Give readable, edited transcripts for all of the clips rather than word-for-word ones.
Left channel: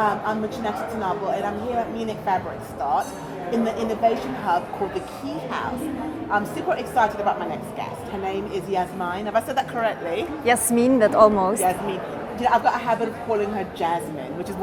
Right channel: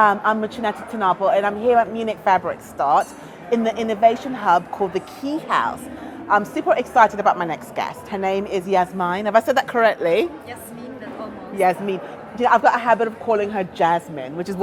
I'm Muchaneta to Napel, and I'm here at Munich Fabric Start in the innovation hub called the Key House. I'm super excited about my next guest. Her name is Jasmien. Have I said that correctly? Jasmien, but almost. Jasmien. Yeah, I've got a habit of calling her Jasmine, which is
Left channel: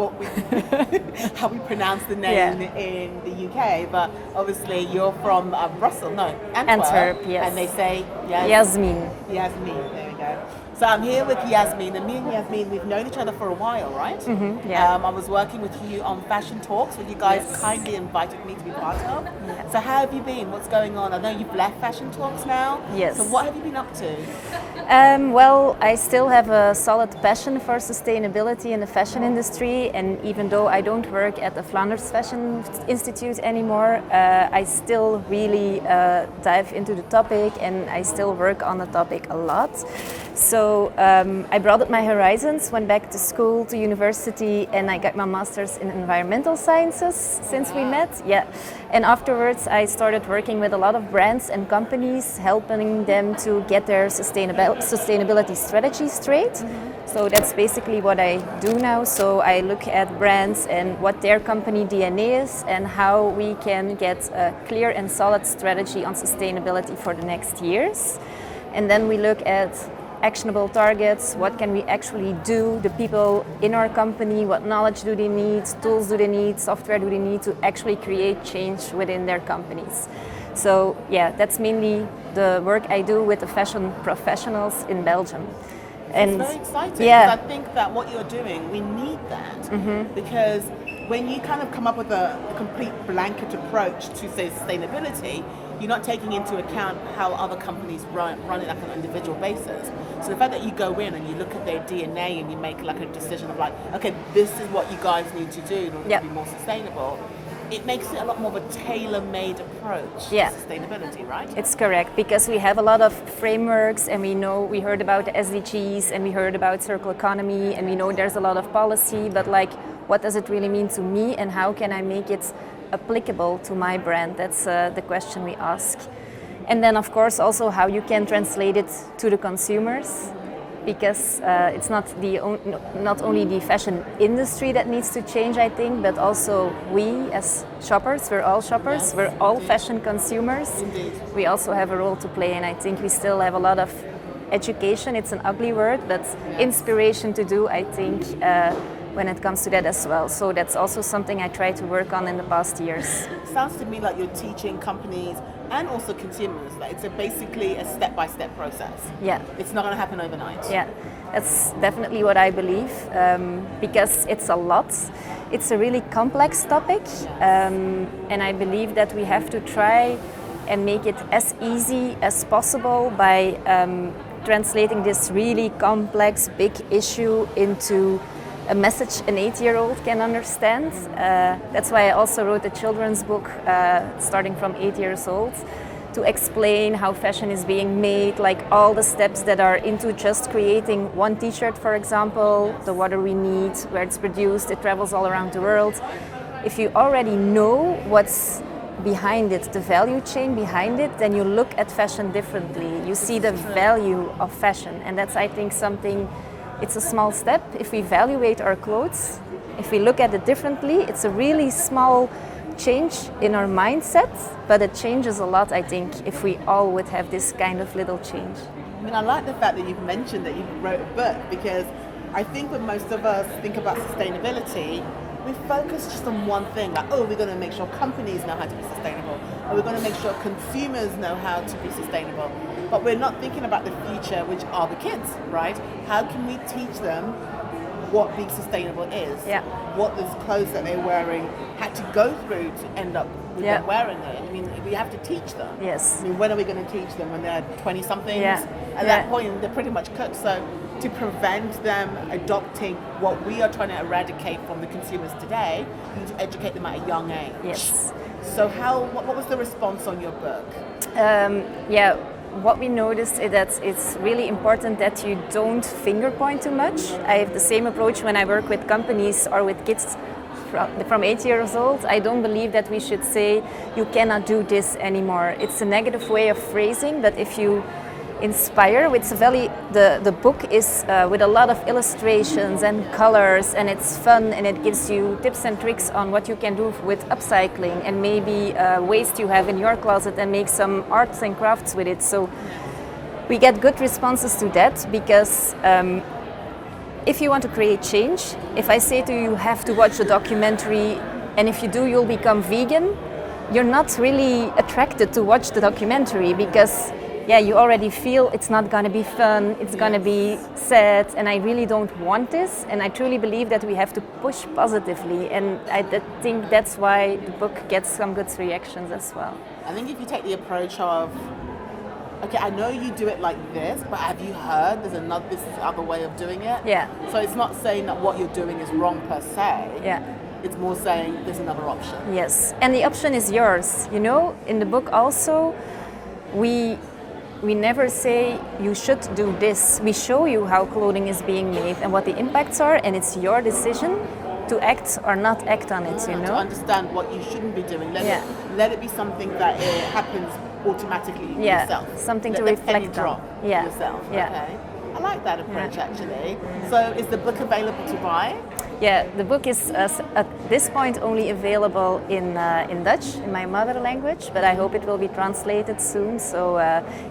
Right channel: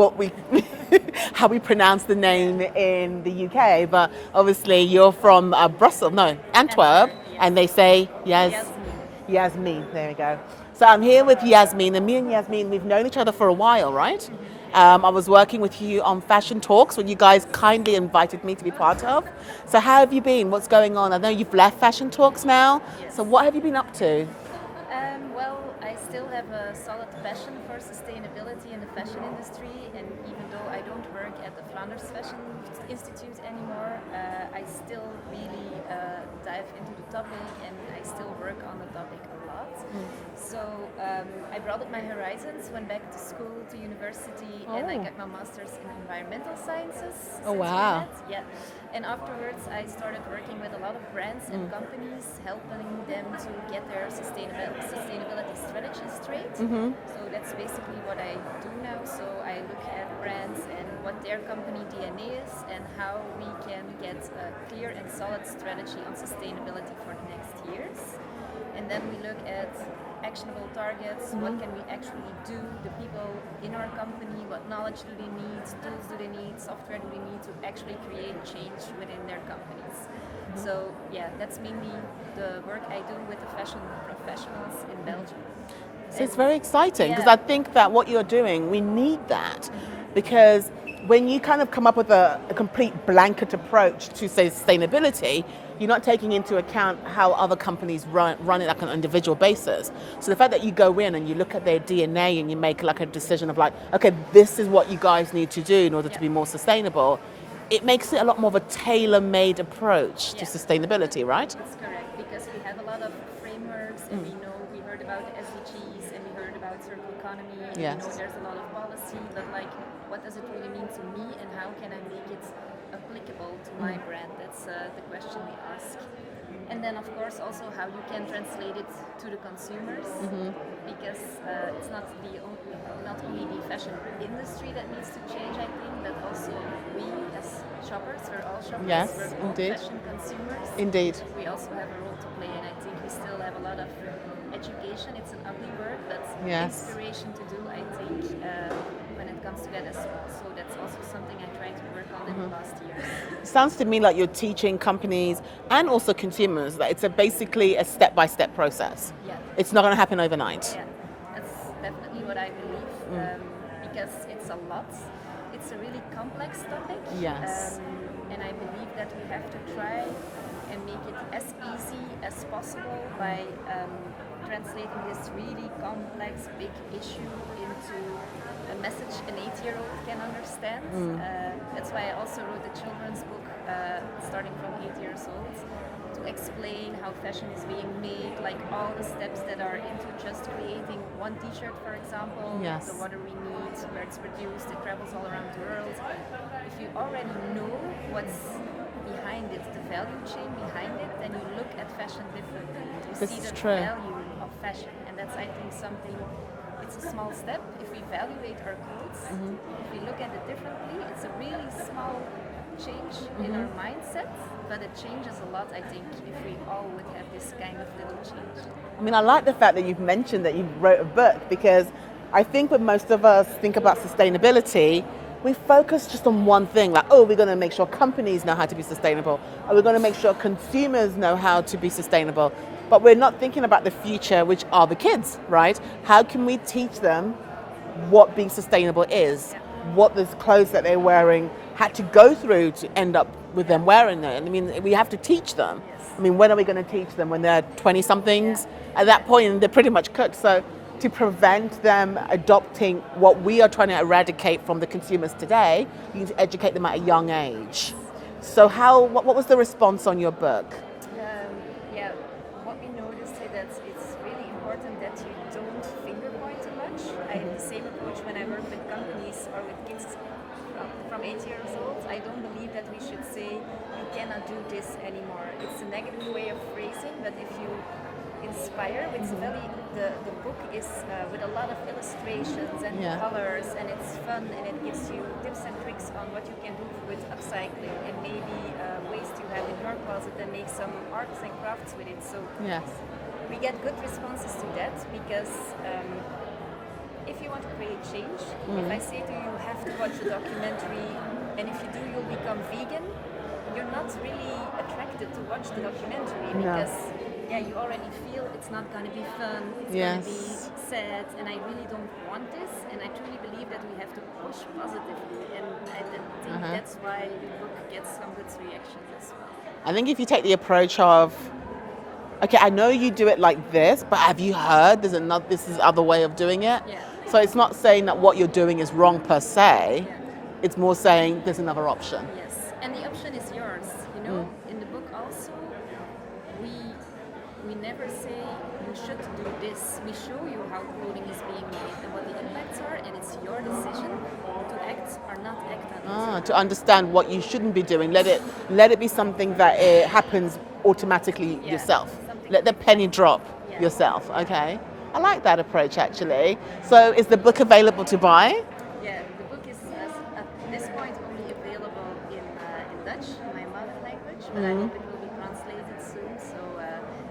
how we pronounce the name in the UK. But obviously, you're from Brussels, no, Antwerp, yes. and they say Jasmien. Jasmien. There we go. So I'm here with Jasmien, and me and Jasmien, we've known each other for a while, right? Mm-hmm, yeah. I was working with you on Fashion Talks, when you guys kindly invited me to be part of. Yes. So how have you been? What's going on? I know you've left Fashion Talks now. Yes. So what have you been up to? Well, I still have a solid passion for sustainability in the fashion industry, and even though I don't work at the Flanders Fashion Institute anymore, I still really dive into the topic, and I still work on the topic a lot. So I broadened my horizons, went back to school, to university, and I got my master's in environmental sciences since we met. Yeah. And afterwards, I started working with a lot of brands and companies, helping them to get their sustainability strategy straight. Mm-hmm. So that's basically what I do now. So I look at brands and what their company DNA is and how we can get a clear and solid strategy on sustainability for the next years. And then we look at actionable targets, what can we actually do, the people in our company, what knowledge do they need, tools do they need, software do they need to actually create change within their companies. So yeah, that's mainly the work I do with the fashion professionals in Belgium. And it's very exciting, because I think that what you're doing, we need that, because when you kind of come up with a complete blanket approach to, say, sustainability, you're not taking into account how other companies run it like on an individual basis. So the fact that you go in and you look at their DNA and you make like a decision of like, okay, this is what you guys need to do in order to be more sustainable, it makes it a lot more of a tailor-made approach to sustainability, right? It's correct, because we have a lot of frameworks, and we heard about the SDGs, and we heard about circular economy, and we know there's a lot of policy, but like, what does it really mean to me, and how can I make it applicable to my brand? That's the question we ask. And then of course also how you can translate it to the consumers, because it's not only the fashion industry that needs to change, I think, but also we as shoppers, we're all shoppers, we're all fashion consumers. Indeed. We also have a role to play, and I think we still have a lot of education, it's an ugly word, but inspiration to do, I think, when it comes to that as well. So that's also something I try to work on in the past years. It sounds to me like you're teaching companies and also consumers that it's basically a step-by-step process. Yeah. It's not going to happen overnight. Yeah, that's definitely what I believe, because it's a lot. It's a really complex topic, and I believe that we have to try and make it as easy as possible by translating this really complex, big issue into a message an 8-year-old can understand. That's why I also wrote a children's book starting from 8 years old to explain how fashion is being made, like all the steps that are into just creating one t-shirt, for example, the water we need, where it's produced, it travels all around the world. If you already know what's behind it, the value chain behind it, then you look at fashion differently. You see the value of fashion, and that's, I think, something. It's a small step. If we evaluate our clothes, if we look at it differently, it's a really small change in our mindset, but it changes a lot, I think, if we all would have this kind of little change. I mean, I like the fact that you've mentioned that you wrote a book, because I think when most of us think about sustainability, we focus just on one thing, like, oh, we're going to make sure companies know how to be sustainable, or we're going to make sure consumers know how to be sustainable. But we're not thinking about the future, which are the kids, right? How can we teach them what being sustainable is? What the clothes that they're wearing had to go through to end up with them wearing it. I mean, we have to teach them. Yes. I mean, when are we going to teach them? When they're 20-somethings? At that point, they're pretty much cooked. So to prevent them adopting what we are trying to eradicate from the consumers today, you need to educate them at a young age. Yes. So what was the response on your book? What we noticed is that it's really important that you don't finger point too much. I have the same approach when I work with companies or with kids from 8 years old. I don't believe that we should say, you cannot do this anymore. It's a negative way of phrasing, but if you inspire. It's the book is with a lot of illustrations and colors, and it's fun, and it gives you tips and tricks on what you can do with upcycling and maybe waste you have in your closet and make some arts and crafts with it. So we get good responses to that because if you want to create change, if I say to you, you have to watch the documentary, and if you do, you'll become vegan, you're not really attracted to watch the documentary because you already feel it's not going to be fun, it's going to be sad, and I really don't want this, and I truly believe that we have to push positively, and I think that's why the book gets some good reactions as well. I think if you take the approach of, okay, I know you do it like this, but have you heard this is other way of doing it? Yeah. So it's not saying that what you're doing is wrong per se. Yeah. It's more saying there's another option. Yes, and the option is yours. You know, in the book also, we never say you should do this. We show you how clothing is being made and what the impacts are, and it's your decision to act or not act on it. You know? To understand what you shouldn't be doing. Let it be something that it happens automatically yourself. Something let to the penny reflect drop on. yourself. Yeah. Okay, I like that approach actually. So is the book available to buy? Yeah, the book is at this point only available in Dutch, in my mother language, but I hope it will be translated soon. So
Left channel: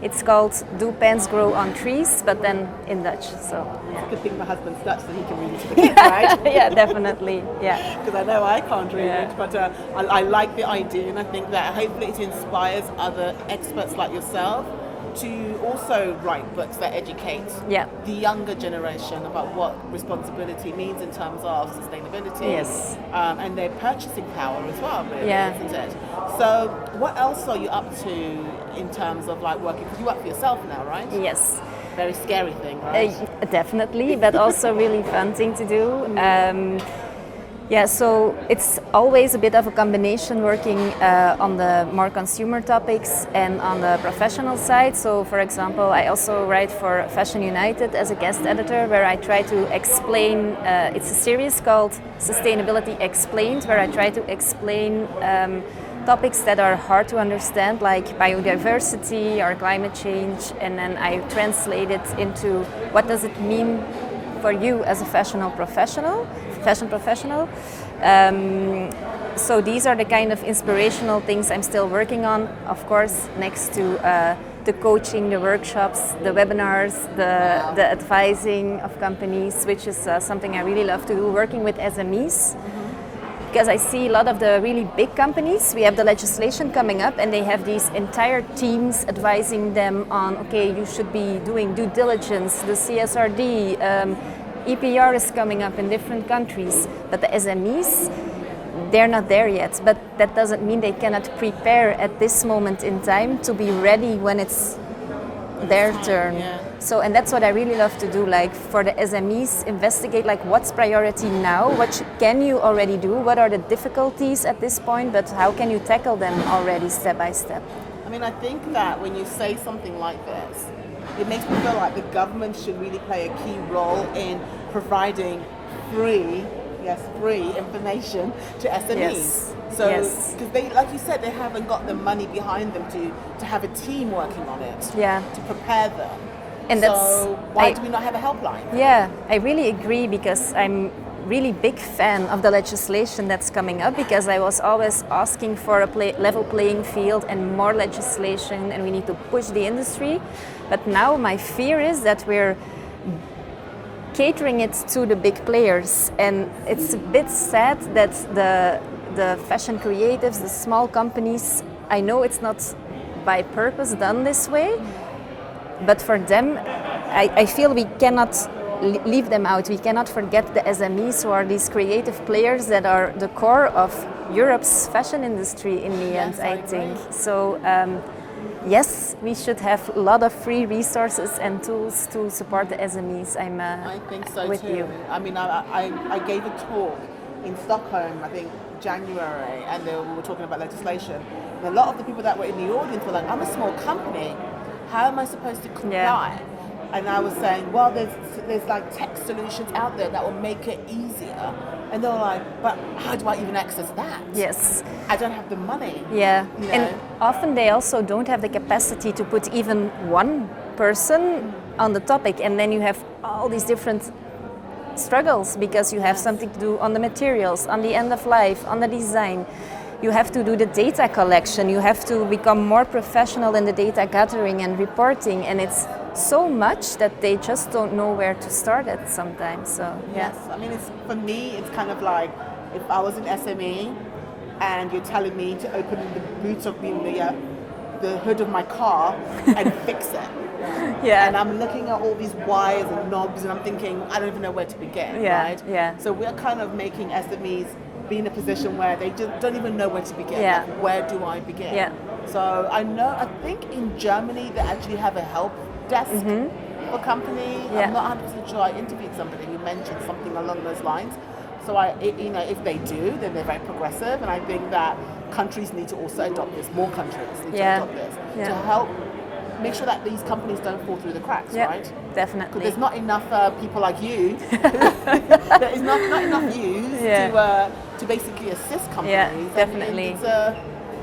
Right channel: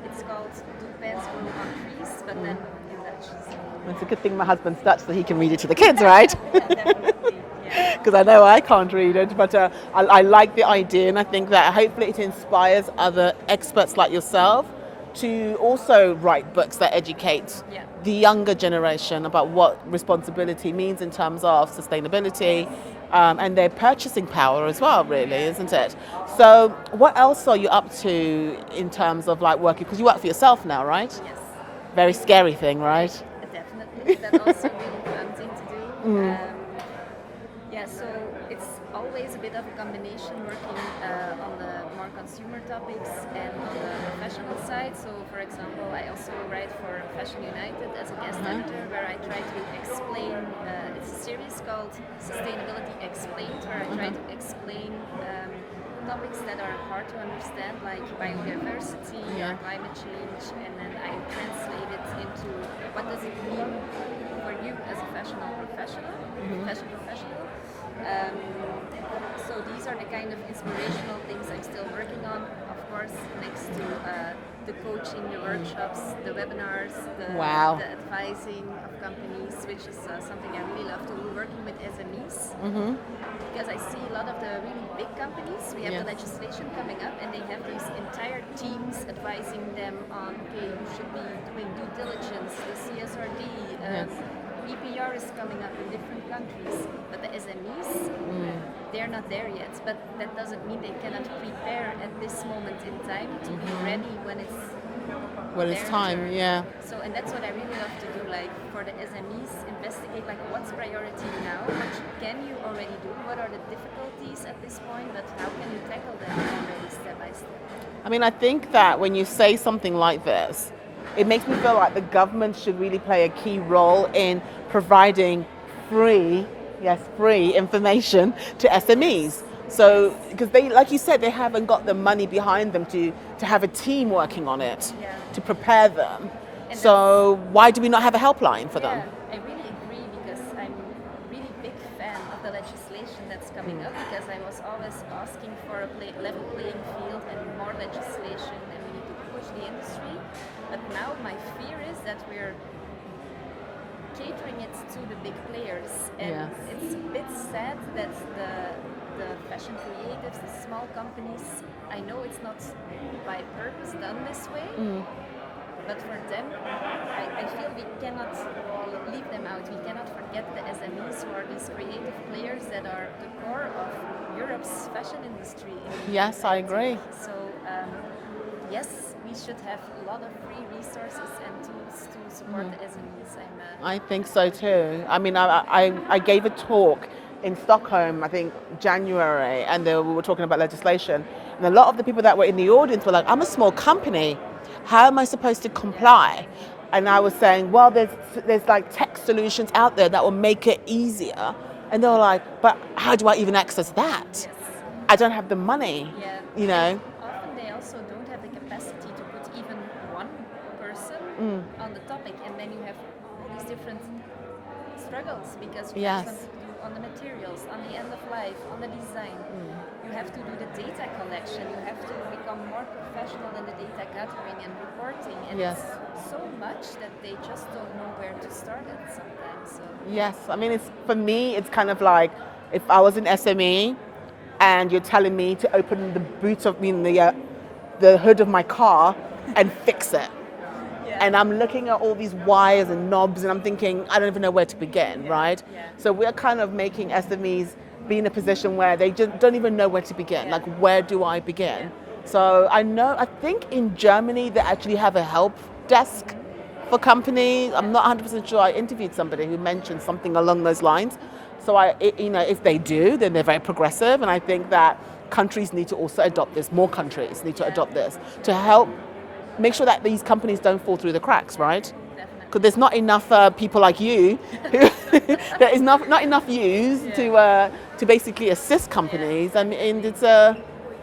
it's called Do Pants Grow on Trees, but then in Dutch. So it's a good thing my husband's Dutch, so he can read it to the kids, right? Yeah, definitely. Yeah, because I know I can't read it, but I like the idea, and I think that hopefully it inspires other experts like yourself to also write books that educate the younger generation about what responsibility means in terms of sustainability and their purchasing power as well, really, isn't it? So what else are you up to in terms of like working, because you work for yourself now, right? Yes. Very scary thing, right? Definitely, but also really fun thing to do. So it's always a bit of a combination working on the more consumer topics and on the professional side. So for example, I also write for Fashion United as a guest editor, where I try to explain, it's a series called Sustainability Explained, where I try to explain topics that are hard to understand, like biodiversity or climate change, and then I translate it into what does it mean for you as a fashion professional. So these are the kind of inspirational things I'm still working on, of course, next to the coaching, the workshops, the webinars, the advising of companies, which is something I really love to do, working with SMEs. Because I see a lot of the really big companies, we have the legislation coming up, and they have these entire teams advising them on, okay, you should be doing due diligence, the CSRD, EPR is coming up in different countries, but the SMEs, they're not there yet. But that doesn't mean they cannot prepare at this moment in time to be ready when it's their turn. Yeah. So, and that's what I really love to do, like for the SMEs, investigate like what's priority now, what can you already do, what are the difficulties at this point, but how can you tackle them already step by step. I mean, I think that when you say something like this, it makes me feel like the government should really play a key role in providing free information to SMEs. Yes. So, because they, like you said, they haven't got the money behind them to have a team working on it, to prepare them. And so why do we not have a helpline for them? I really agree, because I'm really big fan of the legislation that's coming up, because I was always asking for a level playing field and more legislation, and we need to push the industry. But now my fear is that we're catering it to the big players, and it's a bit sad that the fashion creatives, the small companies, I know it's not by purpose done this way, but for them, I feel we cannot leave them out. We cannot forget the SMEs, who are these creative players that are the core of Europe's fashion industry in the end, I think. So yes, we should have a lot of free resources and tools to support the SMEs. I think so too. I mean, I gave a talk in Stockholm, I think January, and we were talking about legislation. And a lot of the people that were in the audience were like, I'm a small company, how am I supposed to comply? And I was saying, well, there's like tech solutions out there that will make it easier. And they were like, but how do I even access that? Yes. I don't have the money. Yeah. You know? And often they also don't have the capacity to put even one person on the topic, and then you have all these different struggles because you have something to do on the materials, on the end of life, on the design. You have to do the data collection, you have to become more professional in the data gathering and reporting, and it's so much that they just don't know where to start at sometimes. So yes, I mean, for me, it's kind of like if I was an SME and you're telling me to open the boot of the hood of my car and fix it. And I'm looking at all these wires and knobs and I'm thinking, I don't even know where to begin, right? So we're kind of making SMEs be in a position where they just don't even know where to begin. Like, where do I begin? So I think in Germany they actually have a help desk for companies. I'm not 100% sure. I interviewed somebody who mentioned something along those lines. So if they do, then they're very progressive, and I think that countries need to also adopt this. More countries need to adopt this to help make sure that these companies don't fall through the cracks, right? Definitely. Because there's not enough people like you. There is not enough use to basically assist companies, and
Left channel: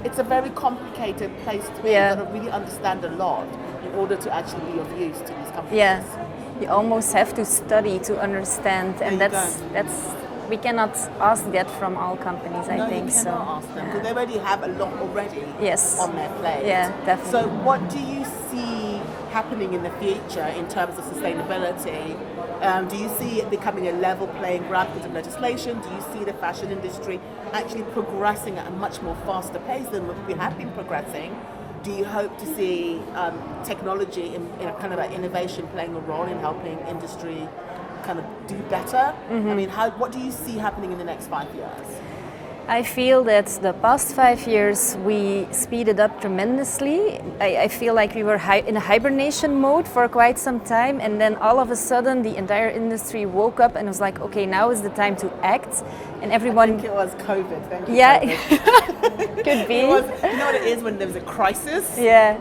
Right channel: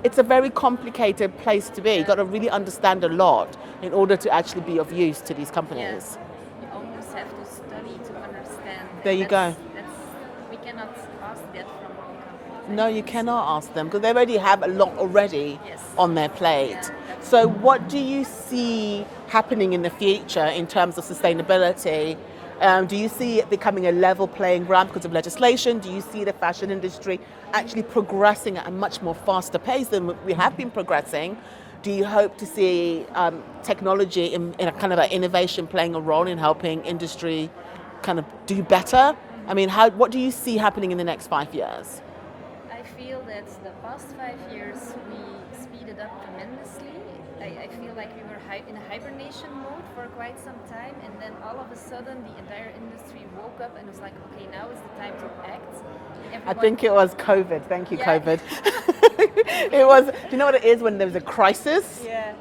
it's a very complicated place to be. You've got to really understand a lot in order to actually be of use to these companies. You almost have to study to understand, and that's we cannot ask that from all companies. I think. You cannot ask them because they already have a lot already on their plate. Yeah, definitely. So what do you see happening in the future in terms of sustainability? Do you see it becoming a level playing ground because of legislation? Do you see the fashion industry actually progressing at a much more faster pace than we have been progressing? Do you hope to see technology in a kind of an innovation playing a role in helping industry kind of do better? I mean, what do you see happening in the next 5 years? I feel that the past 5 years we speeded up tremendously. I feel like we were in a hibernation mode for quite some time, and then all of a sudden the entire industry woke up and was like, okay, now is the time to act. And everyone... I think it was COVID. Thank you, COVID. Could be. It was, you know what it is when there's a crisis? Yeah.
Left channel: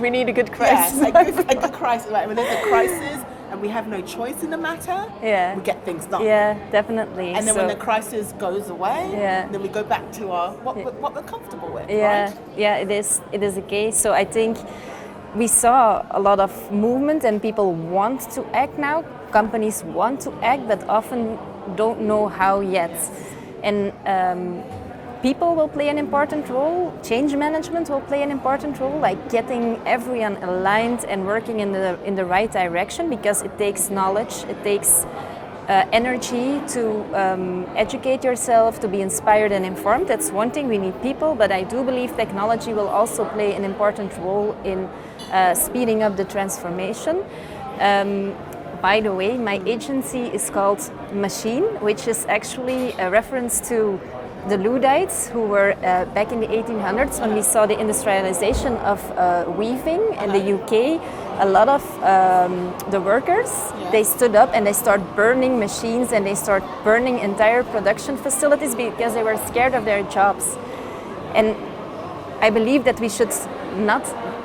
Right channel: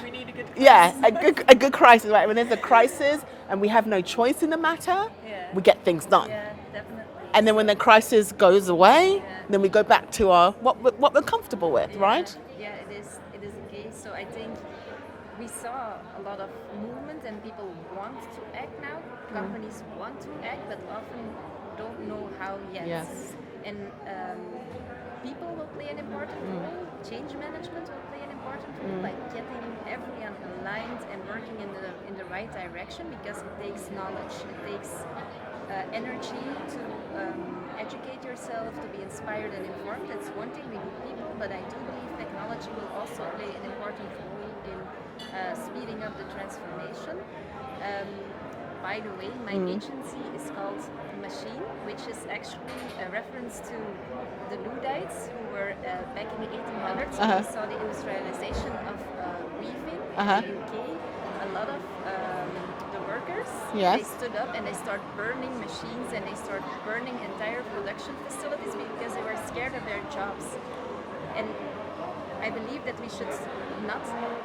We need a good crisis. Yeah, a good crisis. Right? When there's a crisis and we have no choice in the matter, we get things done. Yeah, definitely. And then when the crisis goes away, then we go back to our what we're comfortable with, right? Yeah, it is a case. So I think we saw a lot of movement and people want to act now. Companies want to act, but often don't know how yet. Yes. And people will play an important role, change management will play an important role, like getting everyone aligned and working in the right direction, because it takes knowledge, it takes energy to educate yourself, to be inspired and informed. That's one thing, we need people, but I do believe technology will also play an important role in speeding up the transformation. By the way, my agency is called MASJIEN, which is actually a reference to the Luddites, who were back in the 1800s when we saw the industrialization of weaving in the UK. A lot of the workers, they stood up and they started burning machines and they started burning entire production facilities because they were scared of their jobs. And I believe that we should not,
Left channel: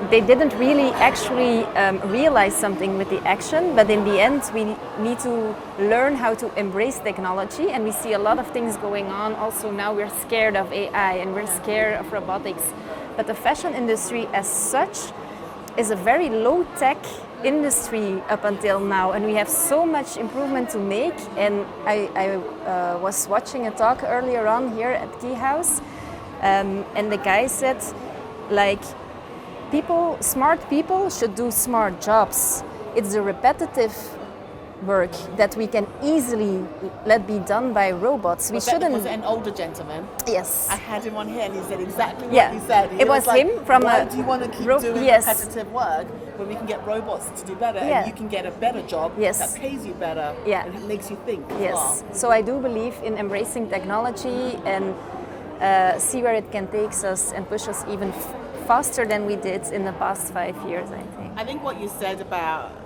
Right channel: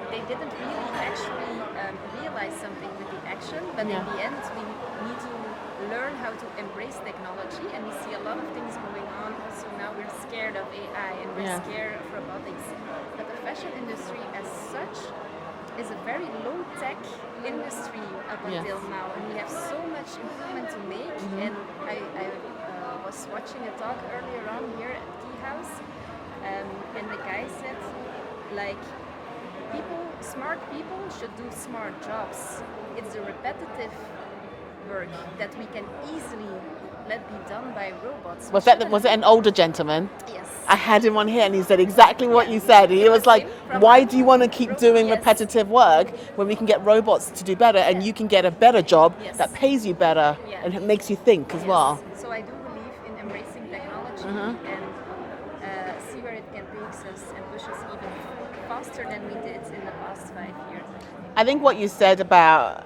they didn't really actually realize something with the action, but in the end we need to learn how to embrace technology, and we see a lot of things going on. Also now we're scared of AI and we're scared of robotics, but the fashion industry as such is a very low-tech industry up until now, and we have so much improvement to make. And I was watching a talk earlier on here at Key House, and the guy said, like, smart people should do smart jobs. It's the repetitive work that we can easily let be done by robots. Was it an older gentleman? Yes. I had him on here and he said exactly what you said. He was like, why do you want to keep doing repetitive work when we can get robots to do better and you can get a better job that pays you better and it makes you think as well? So I do believe in embracing technology and see where it can take us and push us even faster than we did in the past 5 years, I think. I think what you said about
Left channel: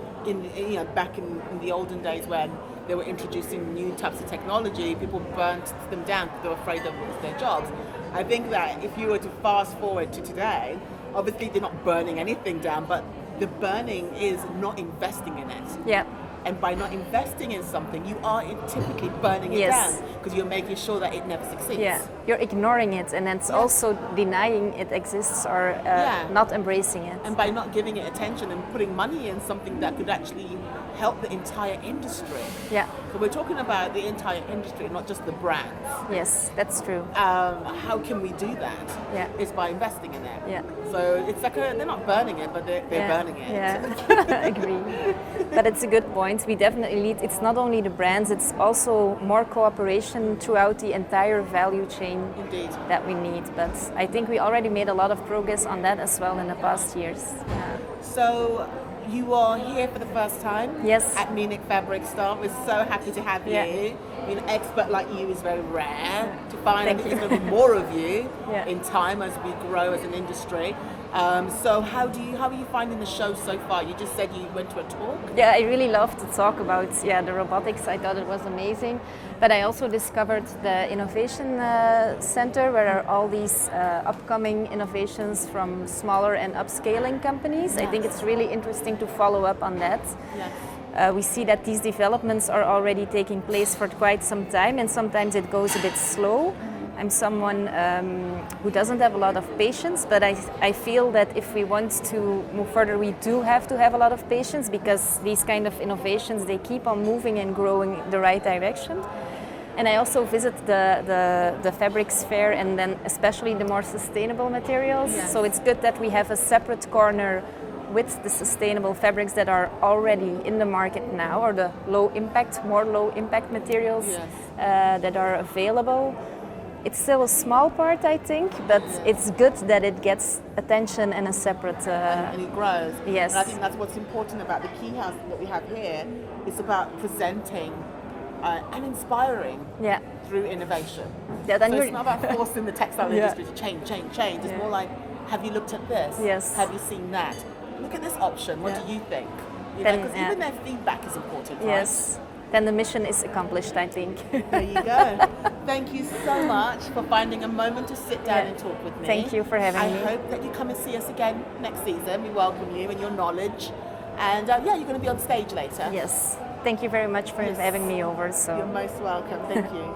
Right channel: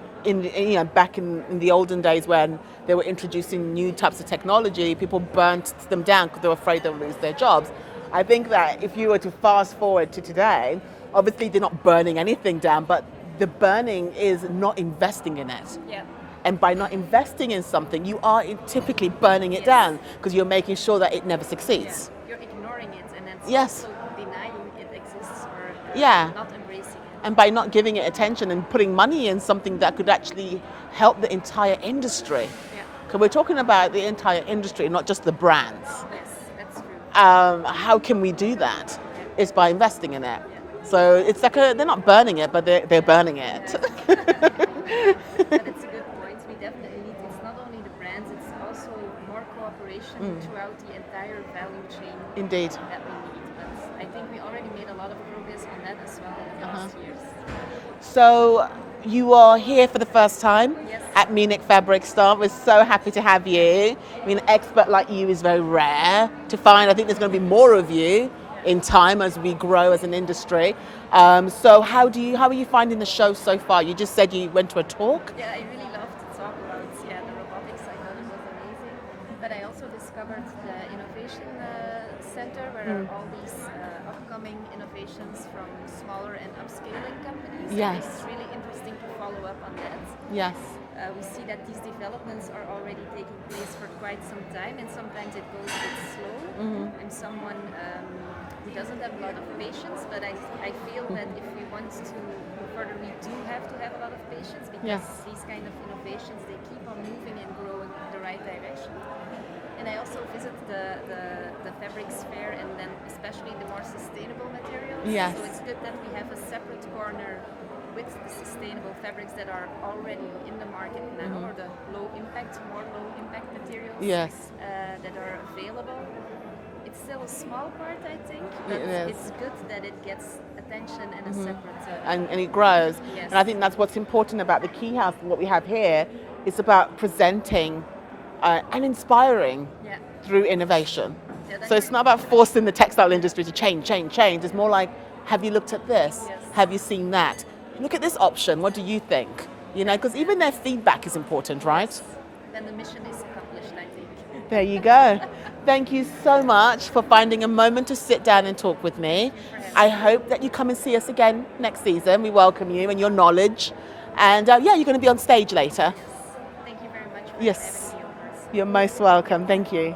back in the olden days when they were introducing new types of technology, people burnt them down because they were afraid they would lose their jobs. I think that if you were to fast forward to today, obviously they're not burning anything down, but the burning is not investing in it. Yeah. And by not investing in something, you are typically burning it Yes. down because you're making sure that it never succeeds. Yeah, you're ignoring it, and it's Yes. also denying it exists or Yeah. not embracing it. And by not giving it attention and putting money in something that could actually help the entire industry. Yeah, Because we're talking about the entire industry, not just the brands. yes, that's true. How can we do that? Yeah. It's by investing in it. Yeah. So it's like they're not burning it, but they're Yeah, burning it. Yeah, agree. But it's a good point. We definitely need, it's not only the brands, it's also more cooperation throughout the entire value chain Indeed. that we need. But I think we already made a lot of progress on that as well in the past years. So you are here for the first time Yes. at Munich Fabric Start. We're so happy to have you. Yeah. I mean, an expert like you is very rare to find. I think there's going to be more of you Yeah. in time as we grow as an industry. So how are you finding the show so far? You just said you went to a talk. Yeah, I really love to talk about the robotics. I thought it was amazing. But I also discovered the Innovation Center, where are all these upcoming innovations from smaller and upscaling companies. I think Yes. it's really interesting to follow up on that. Yes. We see that these developments are already taking place for quite some time, and sometimes it goes a bit slow. I'm someone who doesn't have a lot of patience, but I feel that if we want to move further, we do have to have a lot of patience, because these kind of innovations, they keep on moving and growing in the right direction. And I also visit the fabrics fair, and then especially the more sustainable materials. Yes. So it's good that we have a separate corner with the sustainable fabrics that are already in the market now, or the more low impact materials Yes. that are available. It's still a small part, I think, but it's good that it gets attention and a separate. And it grows. Yes. And I think that's what's important about the Key House and what we have here. It's about presenting and inspiring Yeah. through innovation. Yeah, then So it's you're- not about forcing the textile Yeah. industry to change. It's more like, have you looked at this? Yes. Have you seen that? Look at this option. What do you think? You know, Then, because yeah. even their feedback is important, right? Yes. Then the mission is accomplished, I think. There you go. Thank you so much for finding a moment to sit down and talk with me. Thank you for having I me. hope that you come and see us again next season. We welcome you and your knowledge. And you're going to be on stage later. Yes. Thank you very much for Yes. having me over. So. You're most welcome. Thank you.